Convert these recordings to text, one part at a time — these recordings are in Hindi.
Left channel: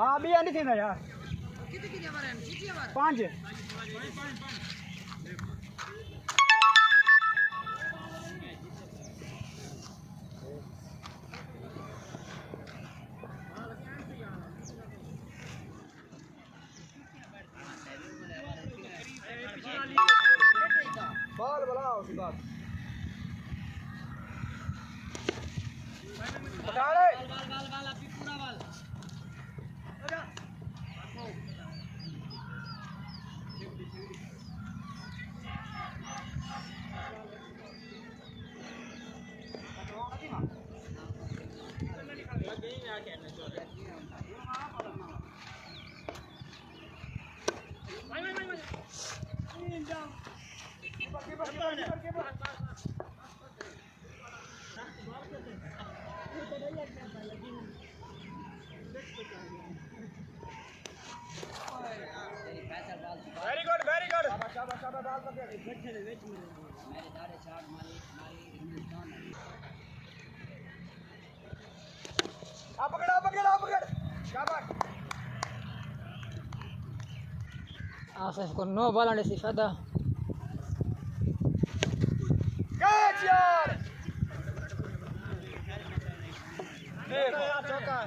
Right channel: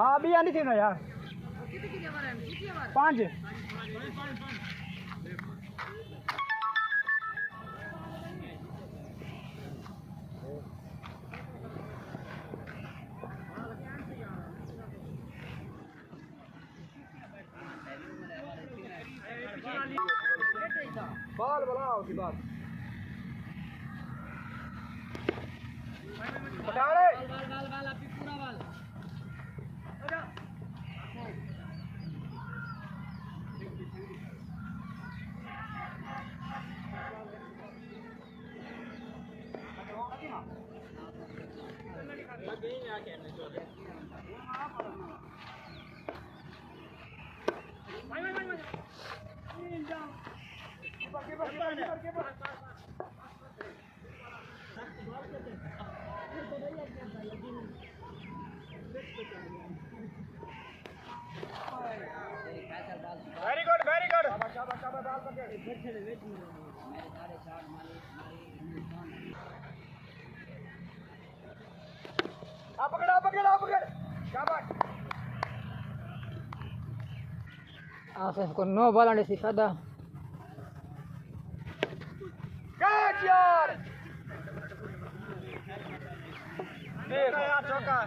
हाँ भी आनी थी ना यार कितनी ओवर है 5 बॉल बनाओ उसके बाद बता रे बाल अभी पूरा बाल आजा वेरी गुड शाबाश डाल पकड़ पकड़ शाबाश आसिफ को 9 बॉल आने से फायदा कैच यार देखो चौका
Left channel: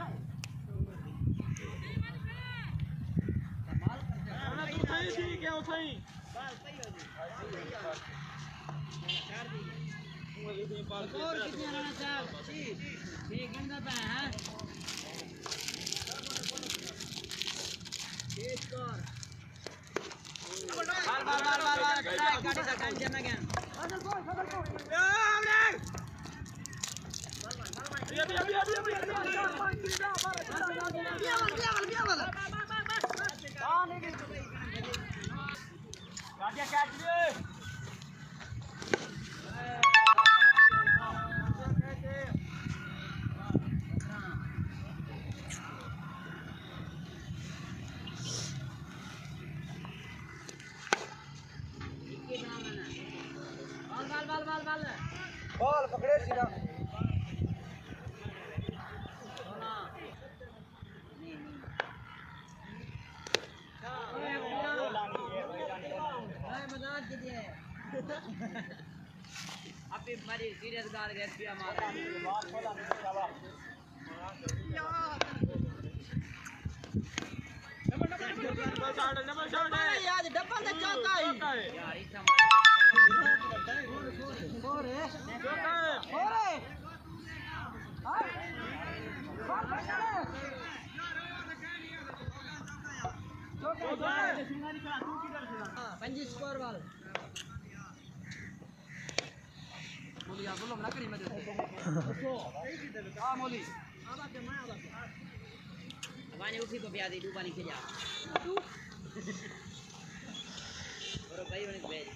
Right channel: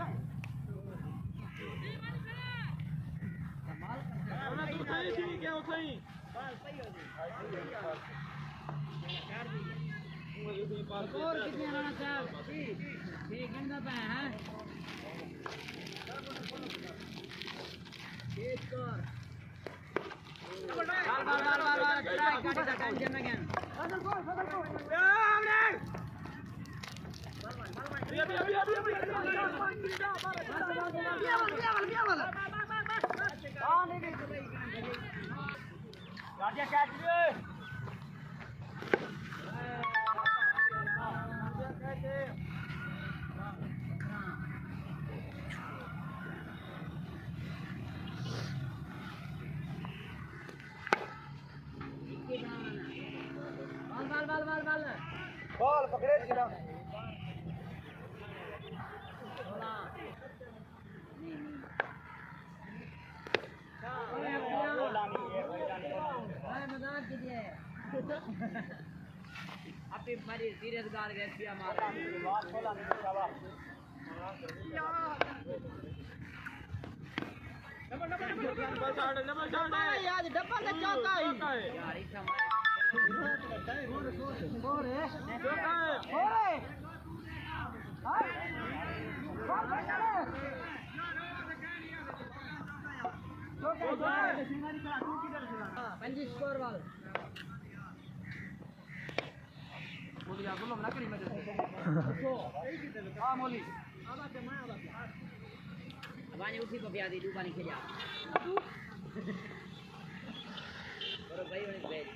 बॉल पकड़े सीधा अभी मरी सीरियस गाल गए पिया मार बॉल खोला नहीं शाबाश यार डब्बा से चौका ही पंजी स्कोर वाल मोली यार बोलो ना करी मैं देते हां मोली वाने उसी को ब्याह दे डूबा नहीं खेला और भाई वाने भेज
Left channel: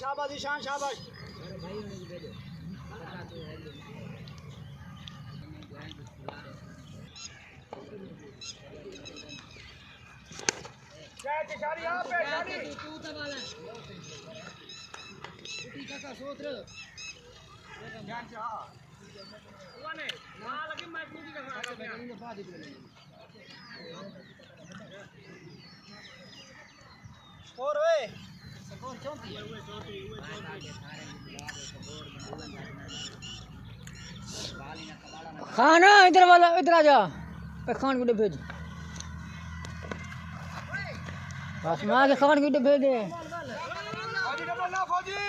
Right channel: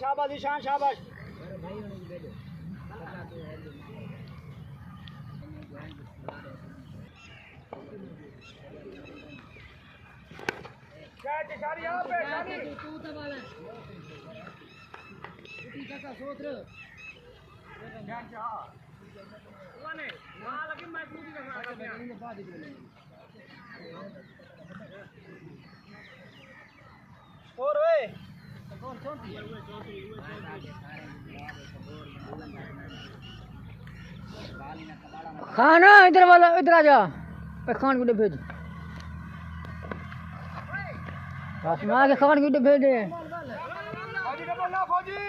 शाबाश ईशान शाबाश कैच शारी यहां पे शारी का सोत्र ध्यान से हां वाने वहां लगे मैं पूरी का आ गया स्कोर ओए खाना इधर वाला इधर आ जा खान को भेज बस मां के खान को भेज दे फौजी डबल ना फौजी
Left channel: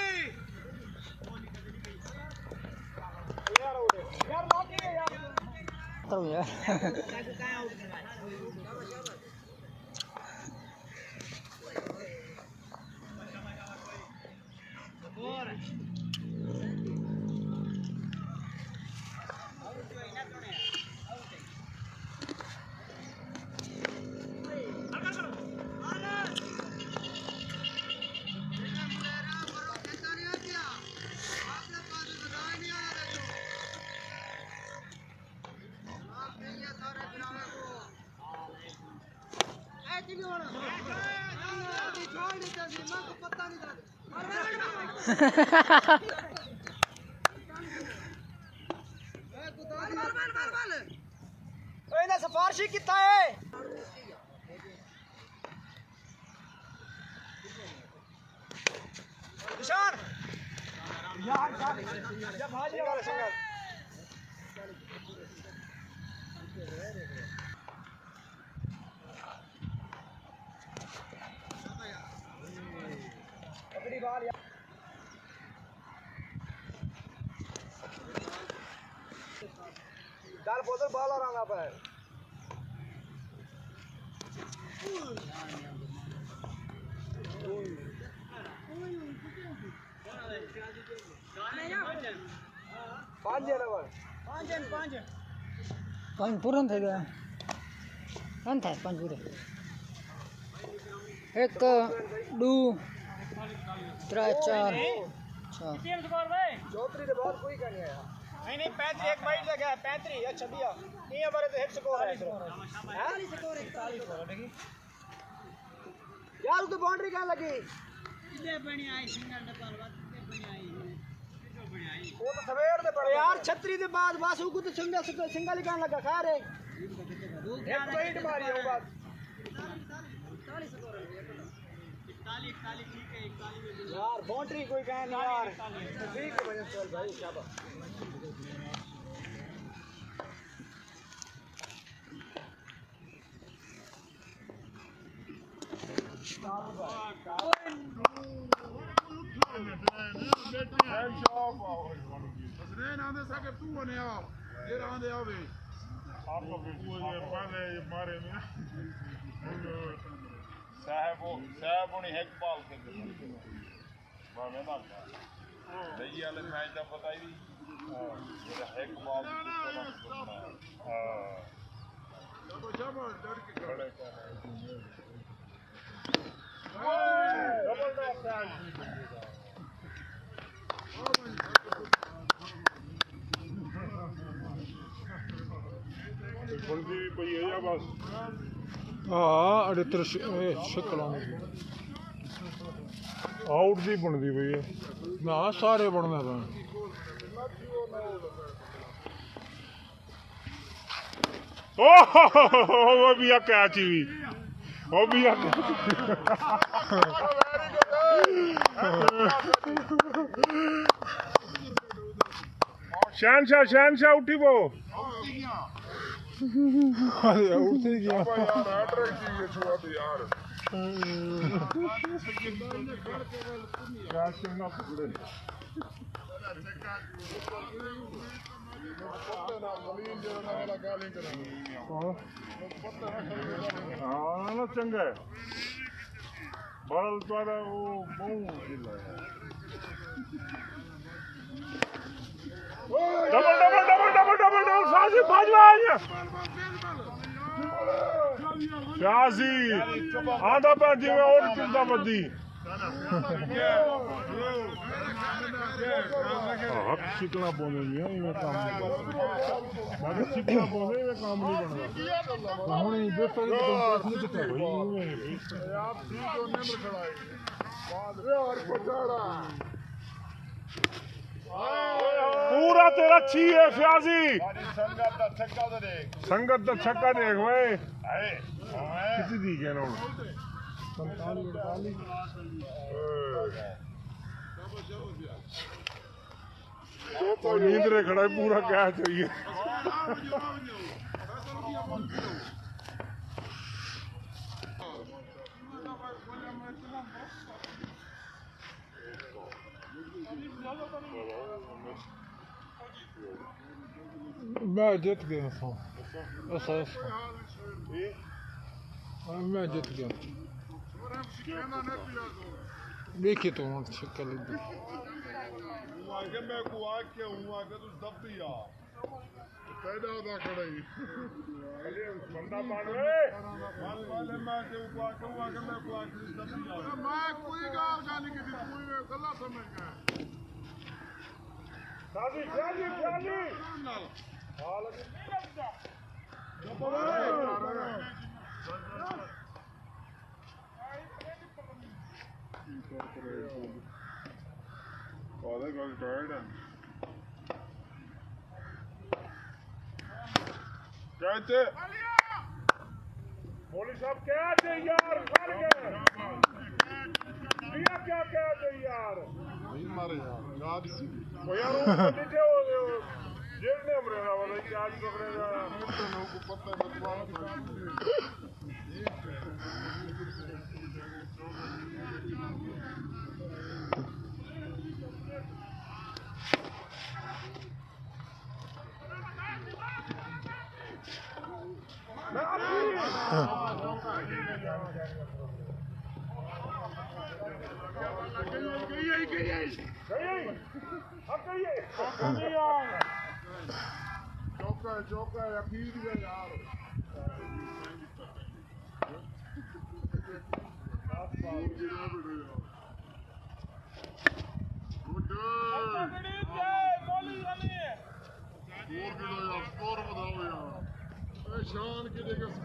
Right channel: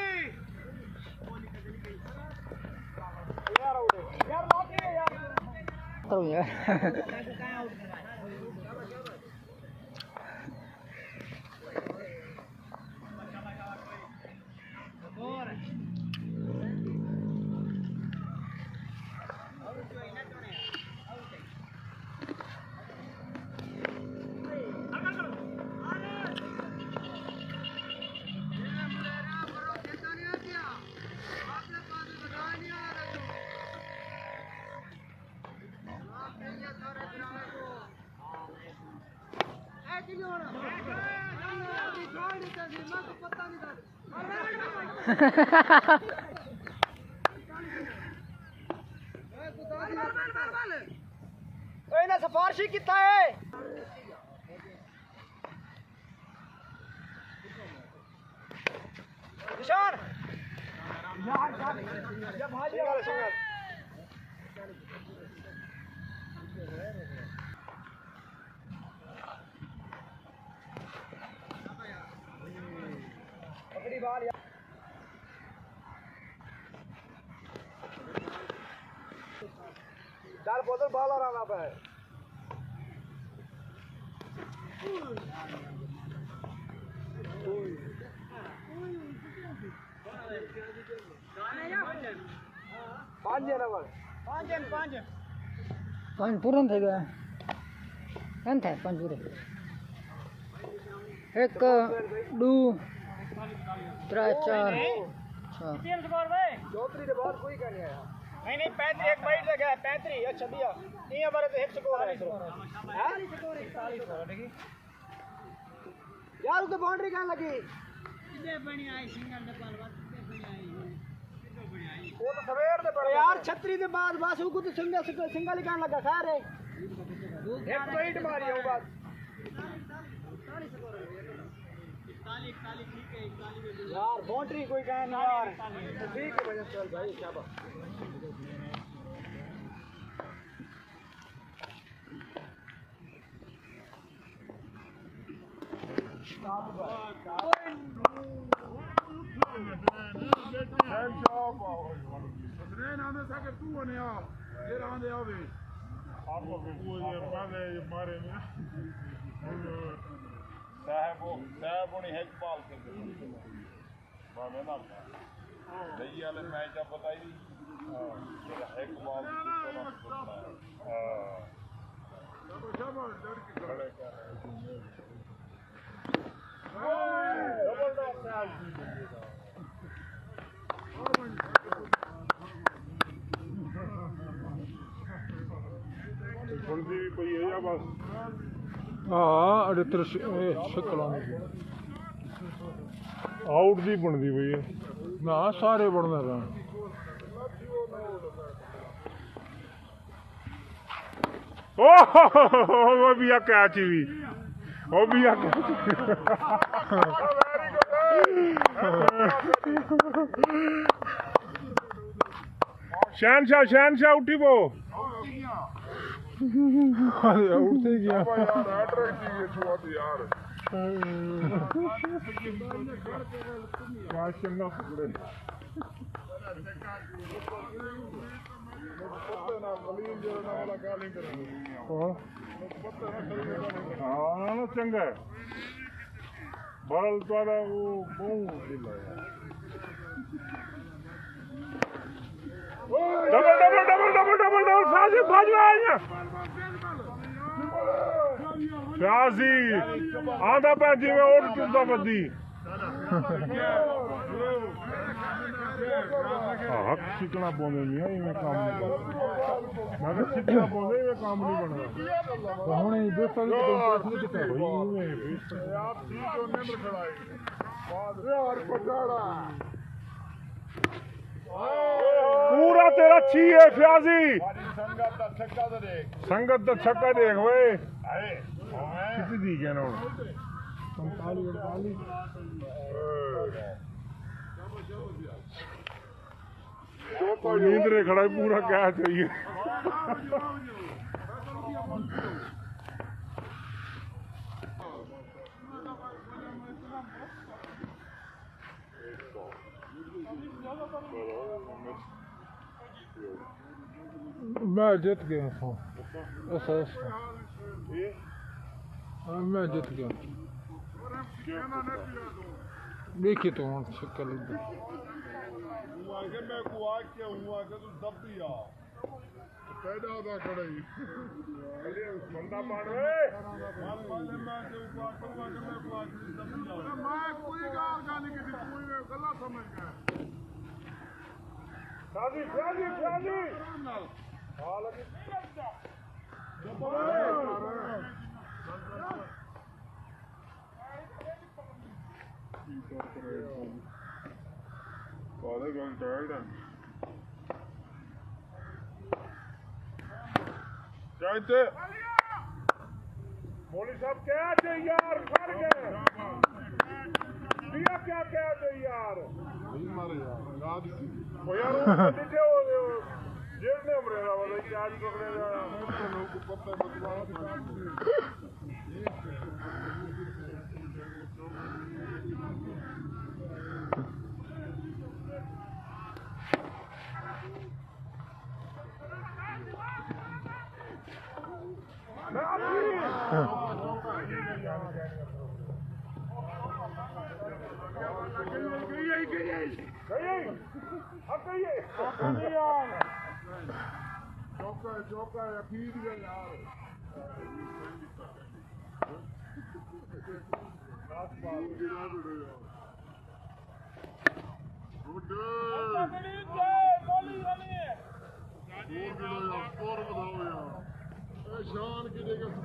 यार लॉक है यार करो यार ऐसी भी होना छोड़ देता जी मैं को पता नहीं था मार ओए ना सिफारिशी कितना है निशान यार जब भाजी वाले संग पकड़ी बाल यार डाल बोतल बाल आ रहा है पाँच पूरन थे गए कौन थे पाँच पूरे एक दो त्रै चार चौधरी के बाद कोई करने आया नहीं 35 एक बाइट लगा है 35 अच्छा भैया ये बारे तो एक स्कोर है 41 स्कोर 41 यार उसको बाउंड्री कहां लगी इतने बड़ी आई सिंगल डबल वो तो सवेर दे पड़े यार छतरी दे बाद बस वो तो सिंगल कहां लगा खैर है एक बाइट मारी है वो बात 41 स्कोर है 41 ठीक है 41 यार बाउंड्री कोई कहां नहीं यार ठीक है भाई भाई क्या बात हाँ अड़ित्र शिकलाने आउट दी बनती पई है ना सारे बनने पे वो भी कैच भी वो भी शहनशाह उठी वो उठते गया चंगा है बड़ल द्वारा वो डबल साजी भाजवा प्यासी आधा पैंती में और चुनता बदी हक सीखना पौधे नहीं है इनमें काम नहीं करता सीखना पौधे में काम नहीं बनता हमने दोस्तों पूरा तेरा छी है फ्याजी संगत का छक्का देख भाई किसी दी क्या ना नींद रे खड़ा पूरा क्या चाहिए मैं जीत गया था मैं जीत गया देखिए तो कल बंदा कोई गाल की कोई गला समझ गया कहते मौली साहब क्या थे यार मर गए दिया क्या थे यार वो यार वो थे वो जेल में हमरे ना वाला कि आज पकड़ेगा चौका यकीन है यार शान गिरेगा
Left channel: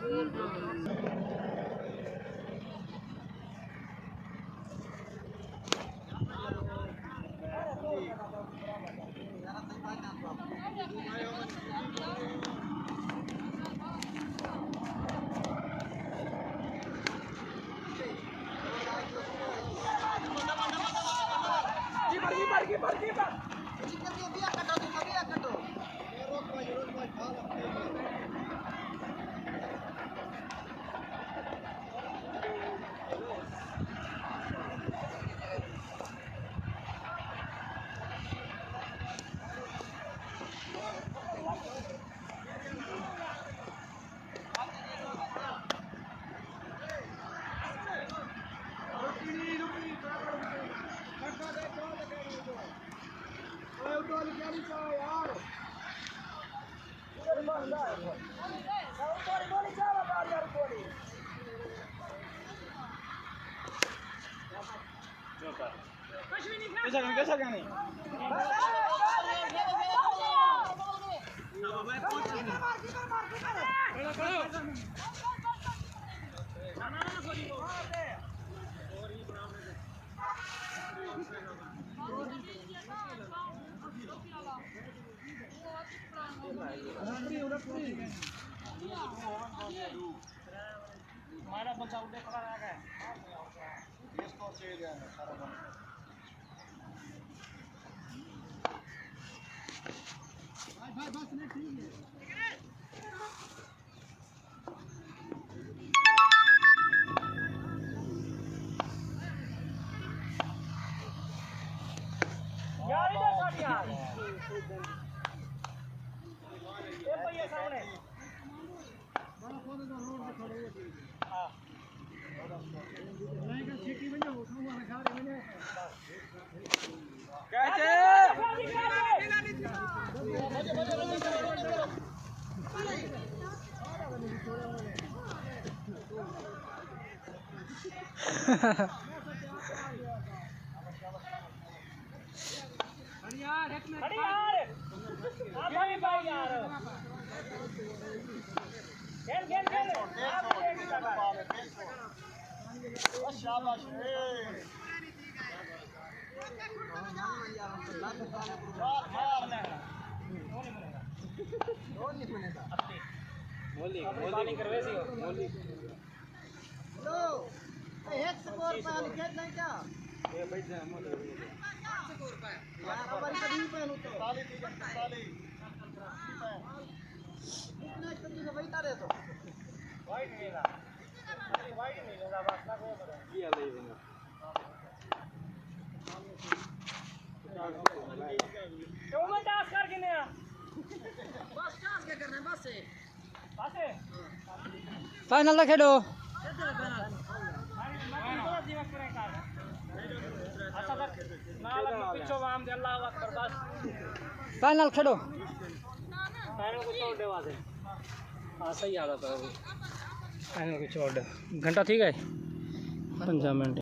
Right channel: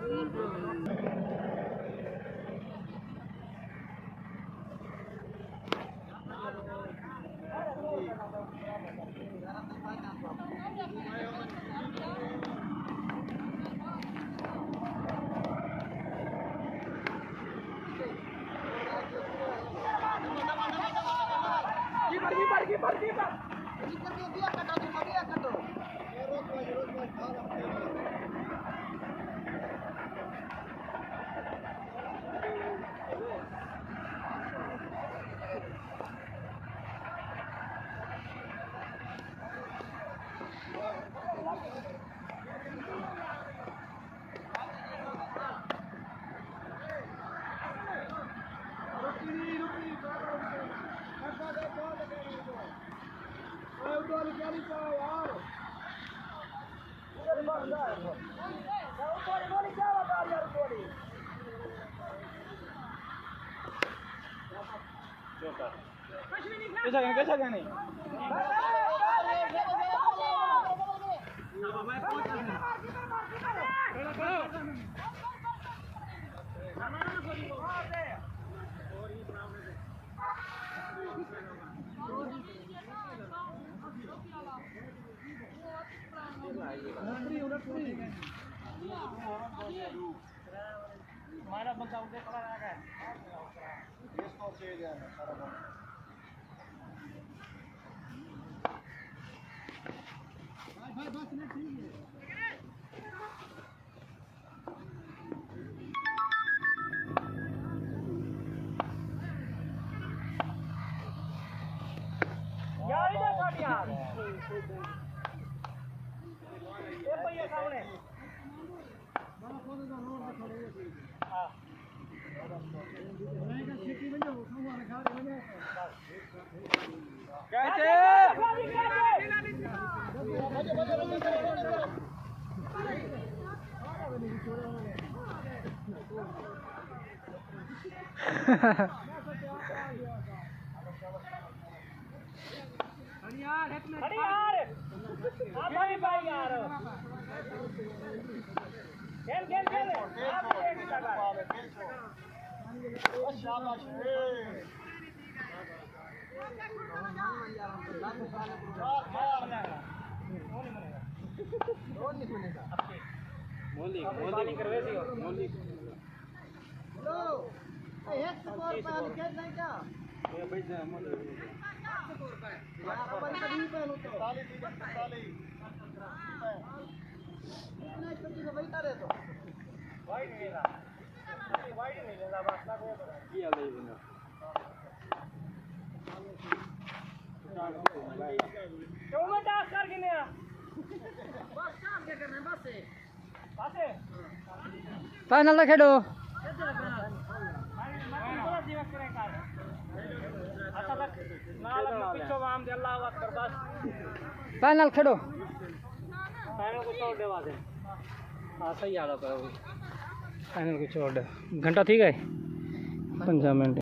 कैसा कहने हमारा बंदा उठे खड़ा रह गया इसको चाहिए जाना सारा बस नहीं ठीक है यार इधर काट यार ये पहिया सामने हां यार एक मिनट यार आप भाई भाई यार खेल आप एक लगा शाबाश अपनी बॉलिंग करवे सी मोली लो एक स्कोर पर विकेट नहीं क्या ये भाई से मोली स्कोर पर अपन कभी पे तो इतना छोटी में बैठा रहे तो वाइड नहीं लेना बस ना कोई पता किया ले बना तो मैं टास्क करके नहीं बस टास्क क्या करना है बस से फाइनल ना खेलो फाइनल खेलो फाइनल को छोड़ दे वाले हाँ सही आ रहा था फाइनल को छोड़ दे घंटा ठीक है 15 मिनट